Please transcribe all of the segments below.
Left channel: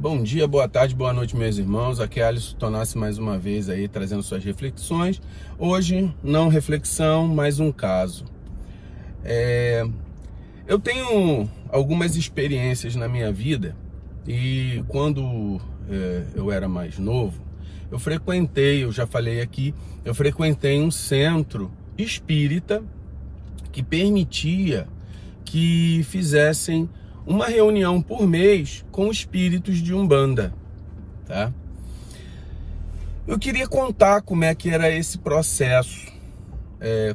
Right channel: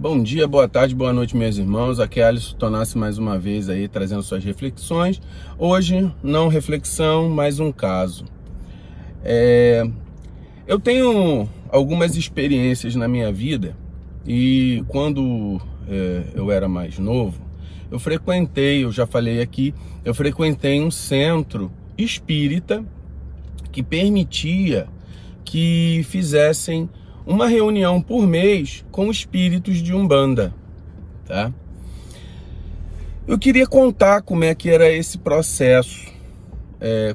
Bom dia, boa tarde, boa noite, meus irmãos. Aqui é Alisson Tonassi mais uma vez aí trazendo suas reflexões. Hoje, não reflexão, mas um caso. Eu tenho algumas experiências na minha vida e quando eu era mais novo, eu já falei aqui, eu frequentei um centro espírita que permitia que fizessem uma reunião por mês com espíritos de Umbanda, tá? Eu queria contar como é que era esse processo,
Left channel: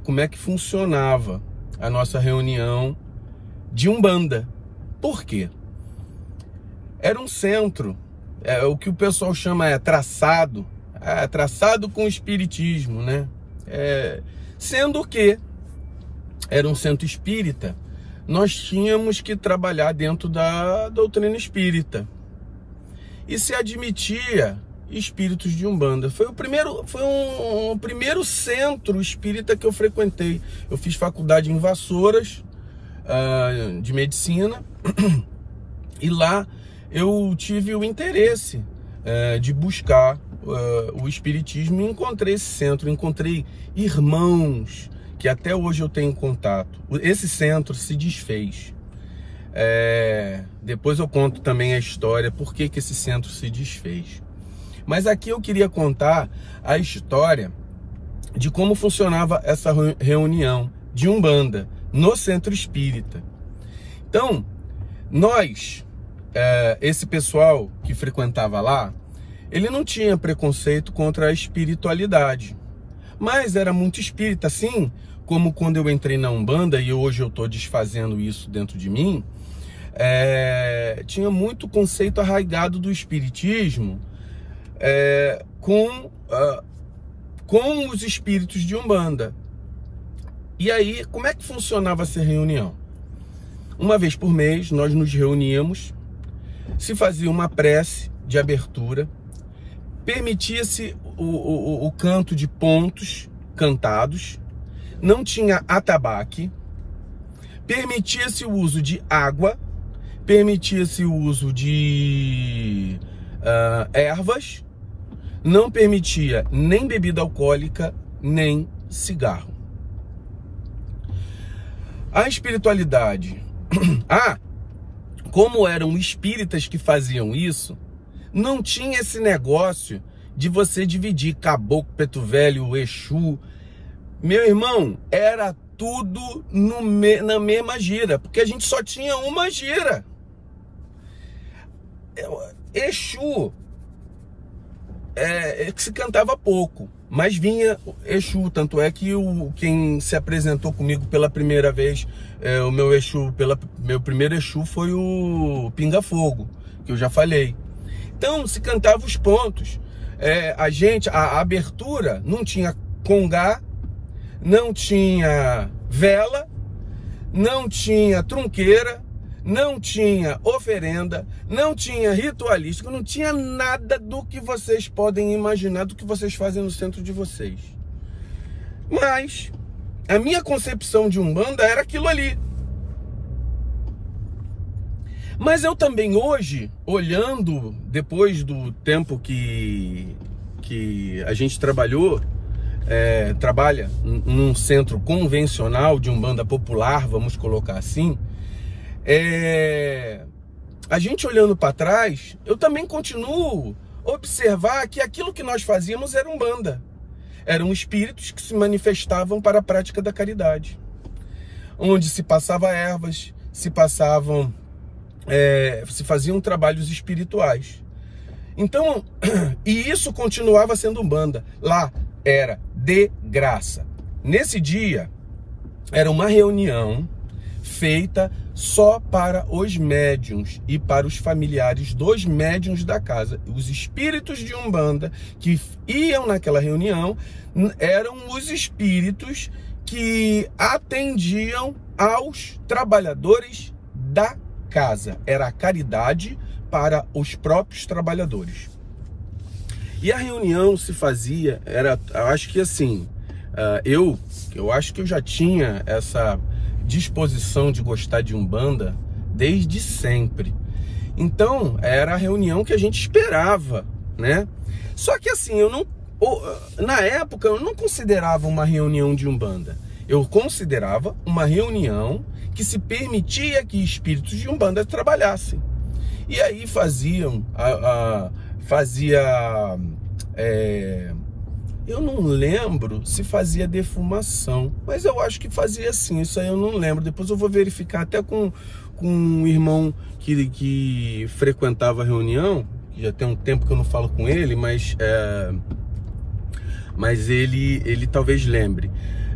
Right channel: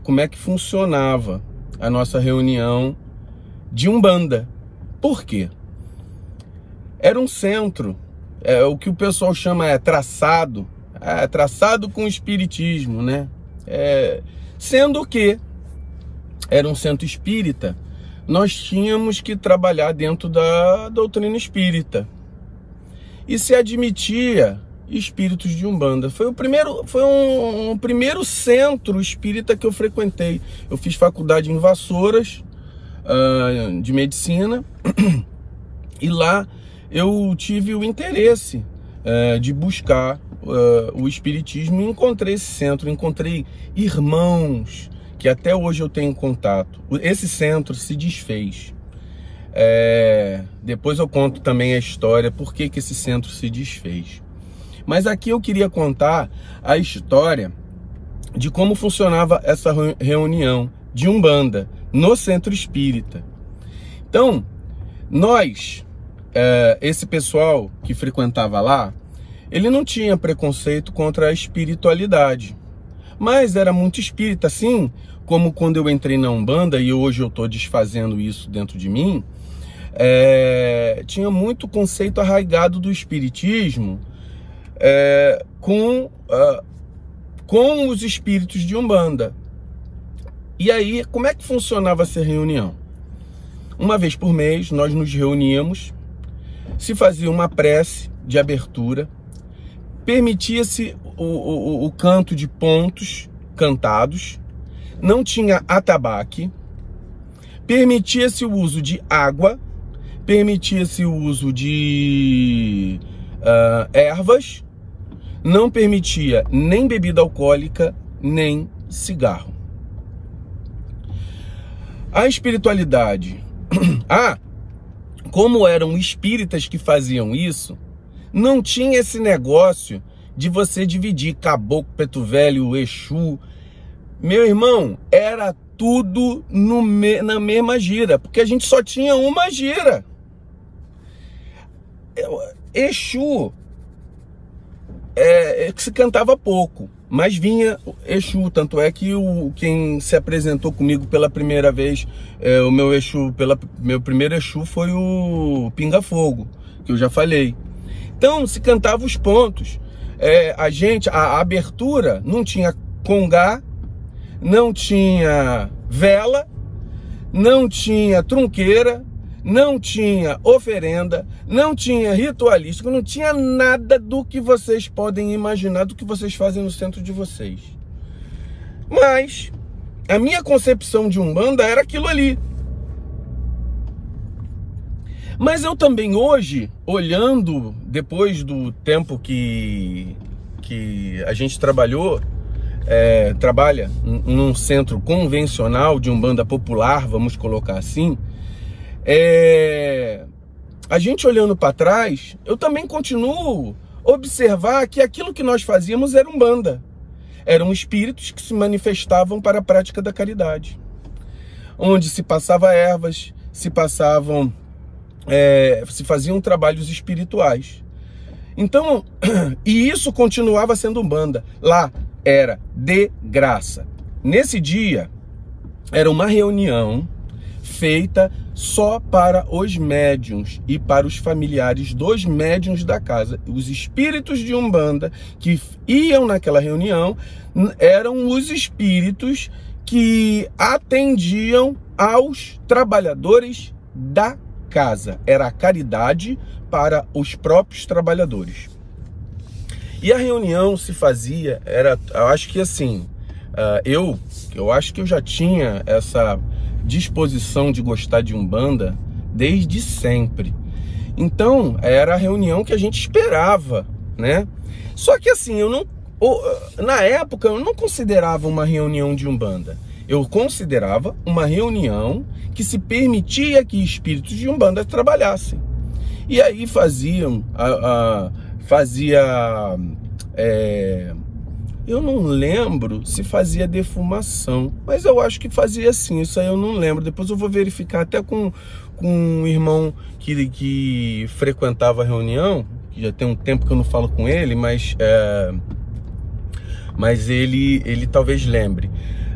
como é que funcionava a nossa reunião de Umbanda. Por quê? Era um centro, o que o pessoal chama traçado com o espiritismo, né? Sendo que era um centro espírita, nós tínhamos que trabalhar dentro da doutrina espírita. E se admitia espíritos de Umbanda. Foi um primeiro centro espírita que eu frequentei. Eu fiz faculdade em Vassouras, de medicina, e lá eu tive o interesse de buscar o espiritismo e encontrei esse centro, encontrei irmãos que até hoje eu tenho contato. Esse centro se desfez. Depois eu conto também a história, por que esse centro se desfez. Mas aqui eu queria contar a história de como funcionava essa reunião de Umbanda no centro espírita. Então, esse pessoal que frequentava lá, ele não tinha preconceito contra a espiritualidade, mas era muito espírita, assim como quando eu entrei na Umbanda, e hoje eu estou desfazendo isso dentro de mim, tinha muito conceito arraigado do espiritismo com os espíritos de Umbanda. E aí, como é que funcionava essa reunião? Uma vez por mês, nós nos reuníamos, se fazia uma prece de abertura, permitia-se o canto de pontos cantados, não tinha atabaque, permitia-se o uso de água, permitia-se o uso de ervas, não permitia nem bebida alcoólica, nem cigarro. A espiritualidade, como eram espíritas que faziam isso, não tinha esse negócio de você dividir caboclo, preto velho, exu. Meu irmão, era tudo na mesma gira, porque a gente só tinha uma gira. Exu que se cantava pouco, mas vinha Exu, tanto é que quem se apresentou comigo pela primeira vez, meu primeiro Exu foi o Fogo, que eu já falei. Então se cantava os pontos. A abertura não tinha congá, não tinha vela, não tinha trunqueira, não tinha oferenda, não tinha ritualístico, não tinha nada do que vocês podem imaginar, do que vocês fazem no centro de vocês. Mas a minha concepção de Umbanda era aquilo ali. Mas eu também hoje, olhando, depois do tempo que a gente trabalha num centro convencional de Umbanda popular, vamos colocar assim, a gente olhando para trás, eu também continuo a observar que aquilo que nós fazíamos era Umbanda. Eram espíritos que se manifestavam para a prática da caridade, onde se passava ervas, se faziam trabalhos espirituais. Então, e isso continuava sendo Umbanda. Lá era de graça. Nesse dia, era uma reunião feita só para os médiuns e para os familiares dos médiuns da casa. Os espíritos de Umbanda que iam naquela reunião eram os espíritos que atendiam aos trabalhadores da casa. Era a caridade para os próprios trabalhadores. E a reunião se fazia, eu acho que assim, eu acho que eu já tinha essa disposição de gostar de Umbanda desde sempre. Então, era a reunião que a gente esperava, né? Só que assim, na época, eu não considerava uma reunião de Umbanda. Eu considerava uma reunião que se permitia que espíritos de Umbanda trabalhassem. E aí eu não lembro se fazia defumação, mas eu acho que fazia sim, isso aí eu não lembro. Depois eu vou verificar até com um irmão que frequentava a reunião, que já tem um tempo que eu não falo com ele, mas ele talvez lembre.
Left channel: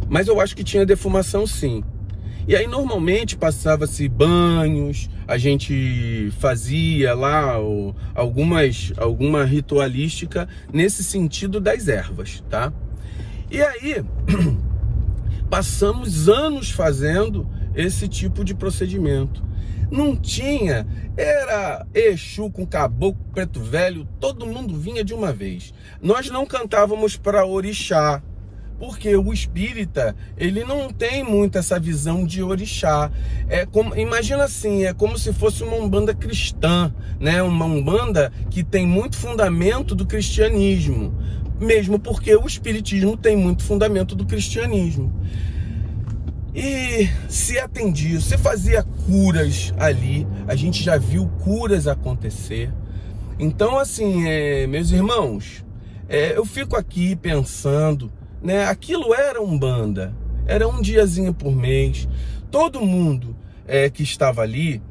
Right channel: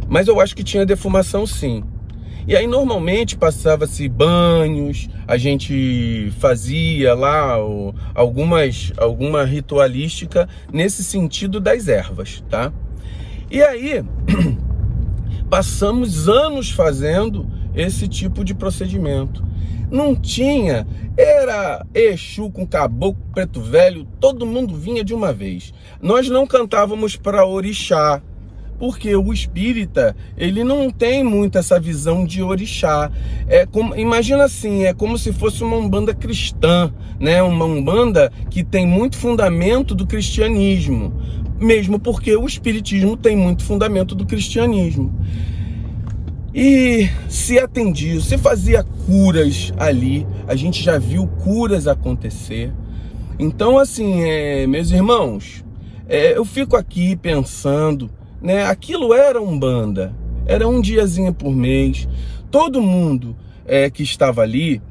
Mas eu acho que tinha defumação sim. E aí normalmente passava-se banhos, a gente fazia lá alguma ritualística nesse sentido das ervas, tá? E aí passamos anos fazendo esse tipo de procedimento. Não tinha, era Exu com caboclo, preto velho, todo mundo vinha de uma vez. Nós não cantávamos para orixá, porque o espírita, ele não tem muito essa visão de orixá. Imagina assim, é como se fosse uma umbanda cristã, né? Uma umbanda que tem muito fundamento do cristianismo, mesmo porque o espiritismo tem muito fundamento do cristianismo. E se atendia, se fazia curas ali, a gente já viu curas acontecer. Então assim, meus irmãos, eu fico aqui pensando, né? Aquilo era Umbanda, era um diazinho por mês. Todo mundo que estava ali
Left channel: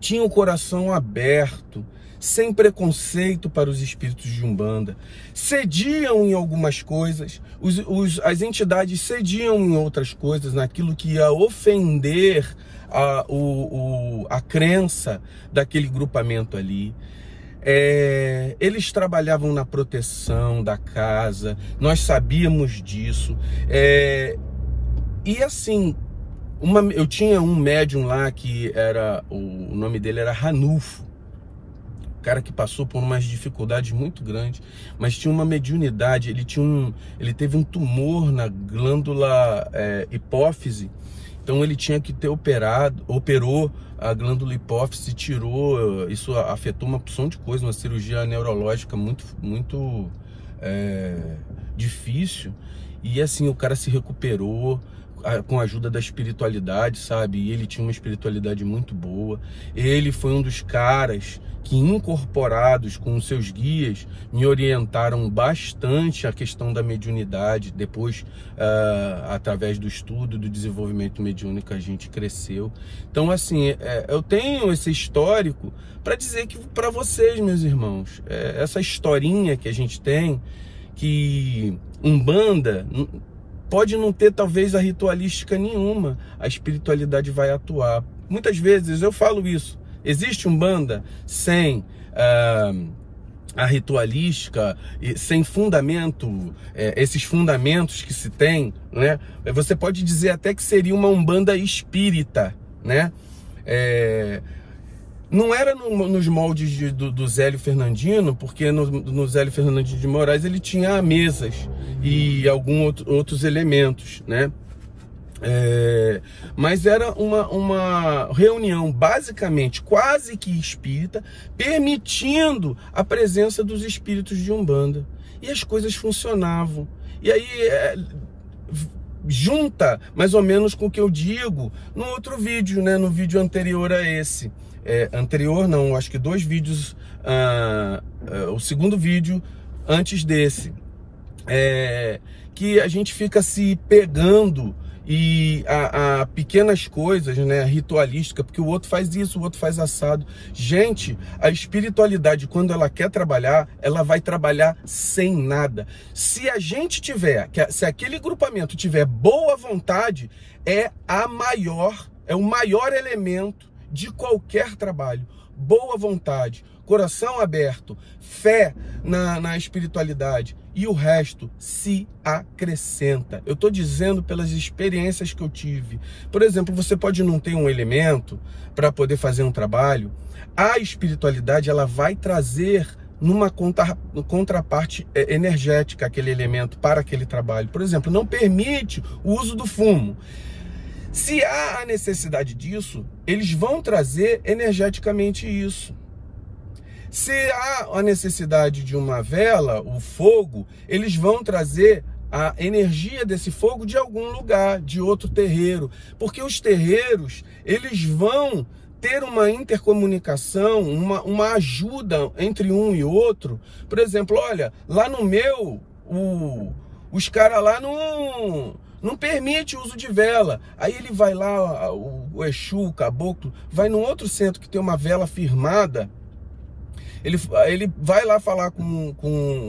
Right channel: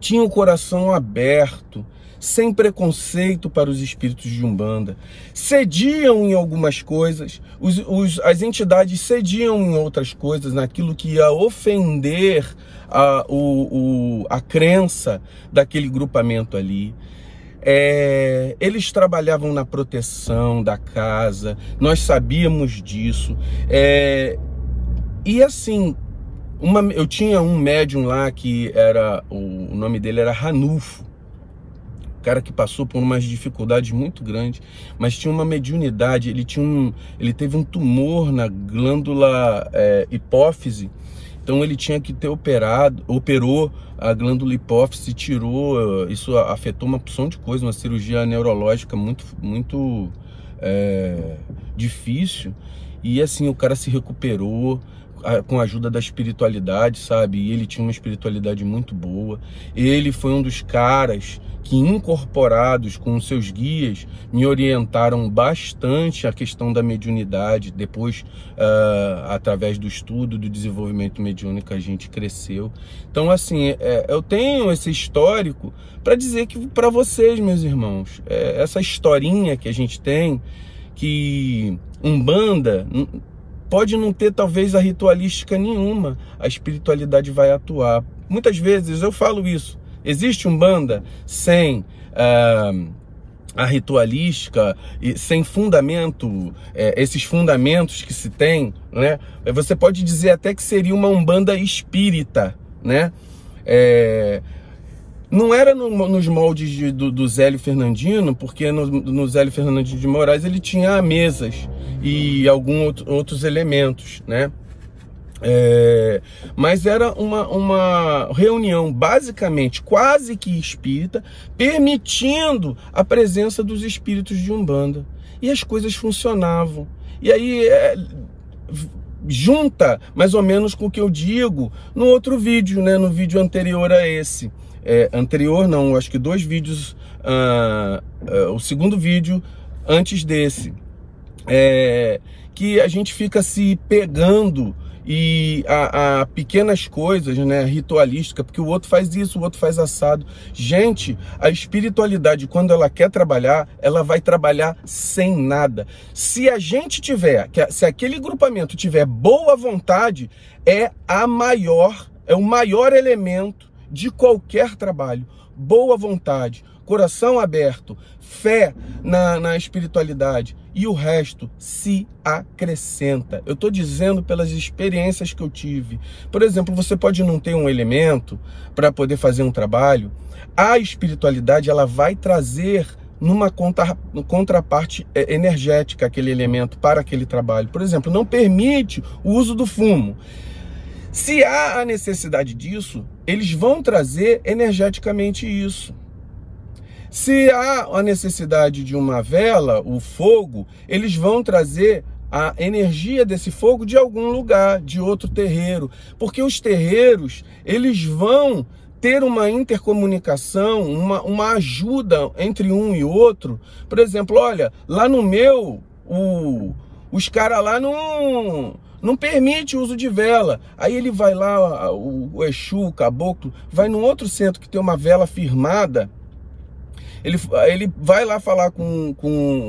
tinha o coração aberto, sem preconceito para os espíritos de Umbanda. Cediam em algumas coisas, as entidades cediam em outras coisas, naquilo que ia ofender a crença daquele grupamento ali. Eles trabalhavam na proteção da casa, nós sabíamos disso. E assim, eu tinha um médium lá que o nome dele era Ranulfo, cara que passou por umas dificuldades muito grandes, mas tinha uma mediunidade. Ele teve um tumor na glândula hipófise, então ele tinha que ter operou a glândula hipófise, tirou, isso afetou uma porção de coisa, uma cirurgia neurológica muito difícil, e assim, o cara se recuperou com a ajuda da espiritualidade, sabe? E ele tinha uma espiritualidade muito boa. Ele foi um dos caras que, incorporados com os seus guias, me orientaram bastante a questão da mediunidade. Depois, através do estudo, do desenvolvimento mediúnico, a gente cresceu. Então, assim, eu tenho esse histórico para dizer que para vocês, meus irmãos, essa historinha que a gente tem, que Umbanda pode não ter talvez a ritualística nenhuma, a espiritualidade vai atuar. Muitas vezes eu falo isso, existe Umbanda sem a ritualística, sem fundamento, esses fundamentos que se tem, né? Você pode dizer até que seria uma Umbanda espírita, né? Não era nos moldes do Zélio Fernandino, porque no Zélio Fernandino de Moraes ele tinha mesas e alguns outros elementos, né? Mas era uma reunião basicamente quase que espírita, permitindo a presença dos espíritos de Umbanda. E as coisas funcionavam. E aí junta mais ou menos com o que eu digo no outro vídeo, né? No vídeo anterior a esse. Anterior não, acho que 2 vídeos, o segundo vídeo antes desse, que a gente fica se pegando a pequenas coisas, né, ritualística, porque o outro faz isso, o outro faz assado. Gente, a espiritualidade, quando ela quer trabalhar, ela vai trabalhar sem nada. Se a gente se aquele grupamento tiver boa vontade, é o maior elemento de qualquer trabalho. Boa vontade, coração aberto, fé na espiritualidade, e o resto se acrescenta. Eu estou dizendo pelas experiências que eu tive. Por exemplo, você pode não ter um elemento para poder fazer um trabalho, a espiritualidade ela vai trazer numa contraparte energética aquele elemento para aquele trabalho. Por exemplo, não permite o uso do fumo. Se há a necessidade disso, eles vão trazer energeticamente isso. Se há a necessidade de uma vela, o fogo, eles vão trazer a energia desse fogo de algum lugar, de outro terreiro. Porque os terreiros, eles vão ter uma intercomunicação, uma ajuda entre um e outro. Por exemplo, olha, lá no meu, os caras lá não permite o uso de vela. Aí ele vai lá, o Exu, o Caboclo, vai num outro centro que tem uma vela firmada. Ele vai lá falar com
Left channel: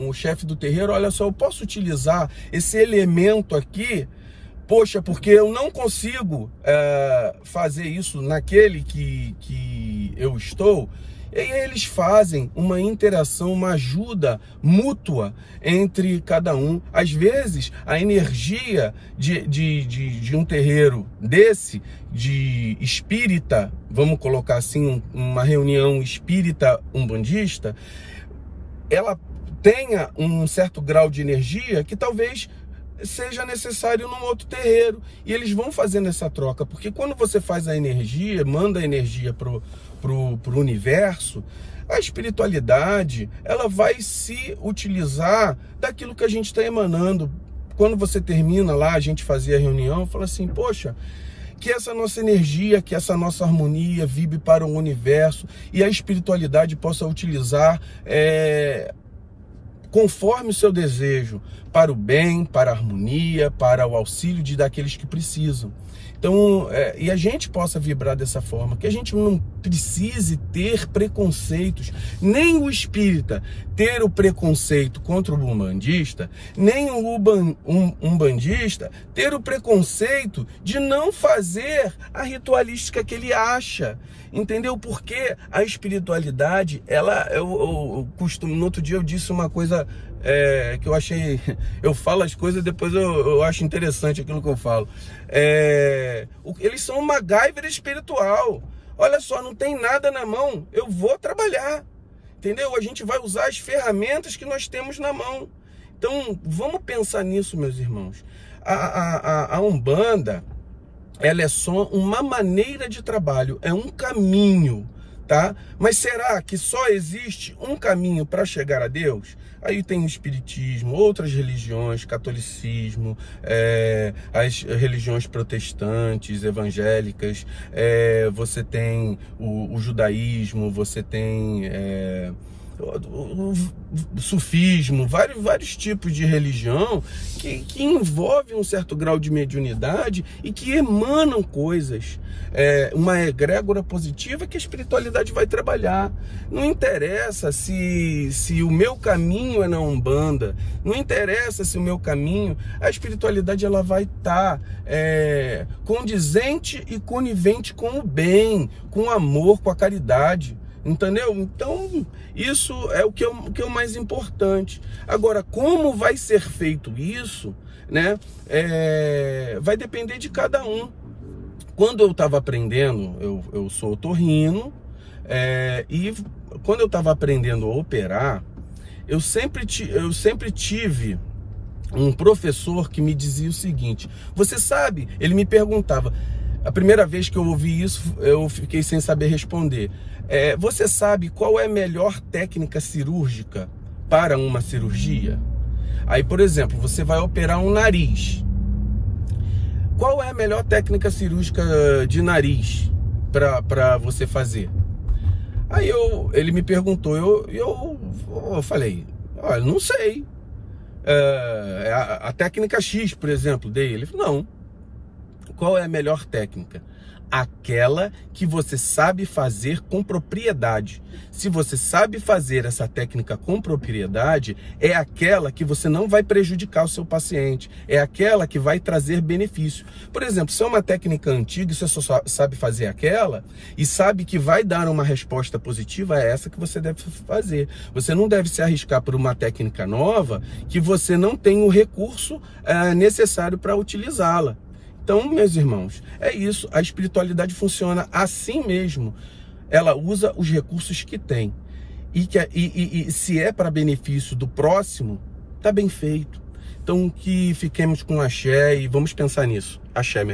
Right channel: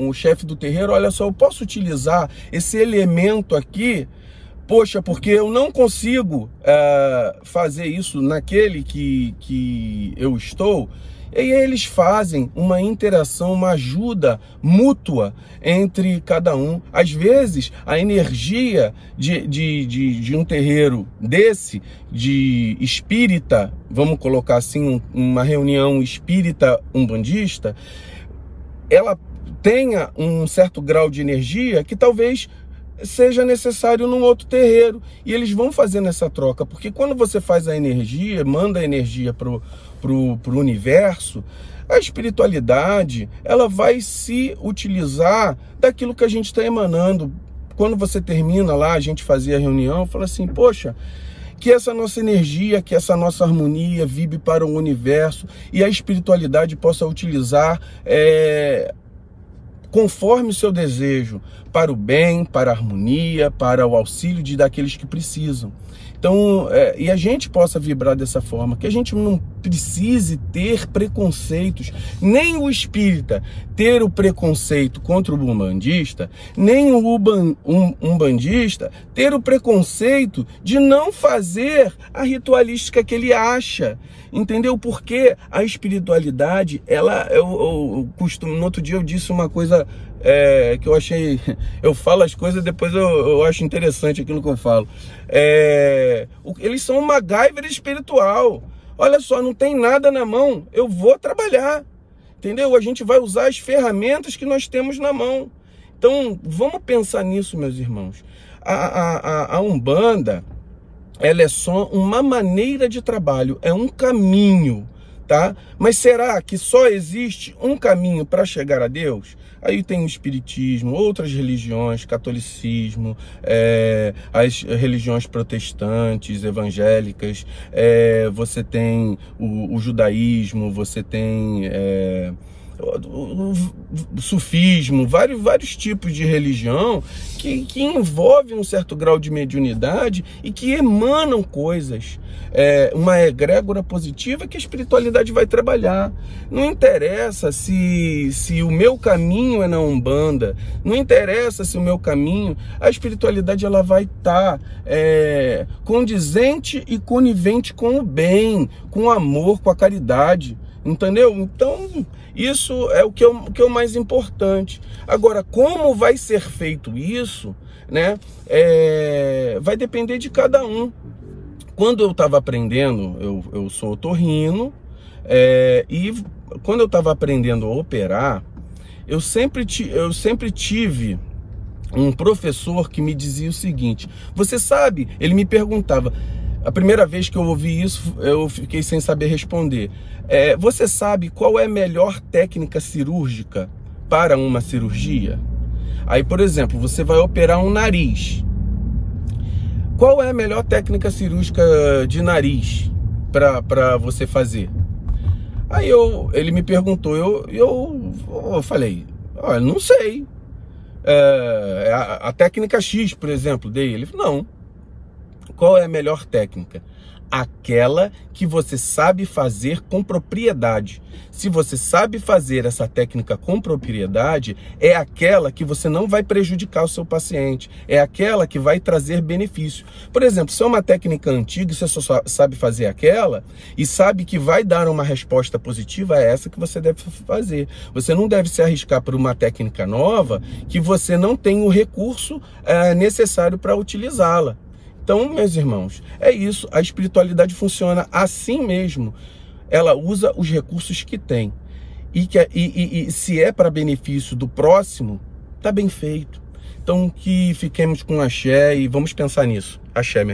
o chefe do terreiro, olha só, eu posso utilizar esse elemento aqui? Poxa, porque eu não consigo fazer isso naquele que eu estou. E aí eles fazem uma interação, uma ajuda mútua entre cada um. Às vezes, a energia de um terreiro desse, de espírita, vamos colocar assim, uma reunião espírita umbandista, ela tenha um certo grau de energia que talvez seja necessário num outro terreiro. E eles vão fazendo essa troca, porque quando você faz a energia, manda a energia pro universo, a espiritualidade, ela vai se utilizar daquilo que a gente está emanando. Quando você termina lá, a gente fazia a reunião, fala assim, poxa, que essa nossa energia, que essa nossa harmonia vibre para o universo e a espiritualidade possa utilizar conforme o seu desejo, para o bem, para a harmonia, para o auxílio daqueles que precisam. Então, e a gente possa vibrar dessa forma, que a gente não precise ter preconceitos, nem o espírita ter o preconceito contra o umbandista, nem o umbandista ter o preconceito de não fazer a ritualística que ele acha. Entendeu? Porque a espiritualidade, eu costumo, no outro dia eu disse uma coisa que eu achei, eu falo as coisas, depois eu acho interessante aquilo que eu falo. Eles são uma MacGyver espiritual. Olha só, não tem nada na mão, eu vou trabalhar. Entendeu? A gente vai usar as ferramentas que nós temos na mão. Então, vamos pensar nisso, meus irmãos. A Umbanda, ela é só uma maneira de trabalho, é um caminho, tá? Mas será que só existe um caminho para chegar a Deus? Aí tem o espiritismo, outras religiões, catolicismo, as religiões protestantes, evangélicas, você tem o judaísmo, você tem o sufismo, vários tipos de religião que envolvem um certo grau de mediunidade e que emanam coisas, uma egrégora positiva que a espiritualidade vai trabalhar. Não interessa se o meu caminho é na Umbanda, não interessa se o meu caminho, a espiritualidade ela vai estar condizente e conivente com o bem, com o amor, com a caridade. Entendeu? Então, isso é o que é o mais importante. Agora, como vai ser feito isso, né? Vai depender de cada um. Quando eu estava aprendendo, eu sou otorrino, e quando eu estava aprendendo a operar, eu sempre tive um professor que me dizia o seguinte, você sabe, ele me perguntava, a primeira vez que eu ouvi isso, eu fiquei sem saber responder. Você sabe qual é a melhor técnica cirúrgica para uma cirurgia? Aí, por exemplo, você vai operar um nariz. Qual é a melhor técnica cirúrgica de nariz para você fazer? Aí ele me perguntou, eu falei, olha, não sei. A técnica X, por exemplo, dele. Ele falou, não. Qual é a melhor técnica? Aquela que você sabe fazer com propriedade. Se você sabe fazer essa técnica com propriedade, é aquela que você não vai prejudicar o seu paciente. É aquela que vai trazer benefício. Por exemplo, se é uma técnica antiga e você só sabe fazer aquela e sabe que vai dar uma resposta positiva, é essa que você deve fazer. Você não deve se arriscar por uma técnica nova que você não tem o recurso necessário para utilizá-la. Então, meus irmãos, é isso. A espiritualidade funciona assim mesmo. Ela usa os recursos que tem. E se é para benefício do próximo, tá bem feito. Então, que fiquemos com axé e vamos pensar nisso. Axé, meu irmão.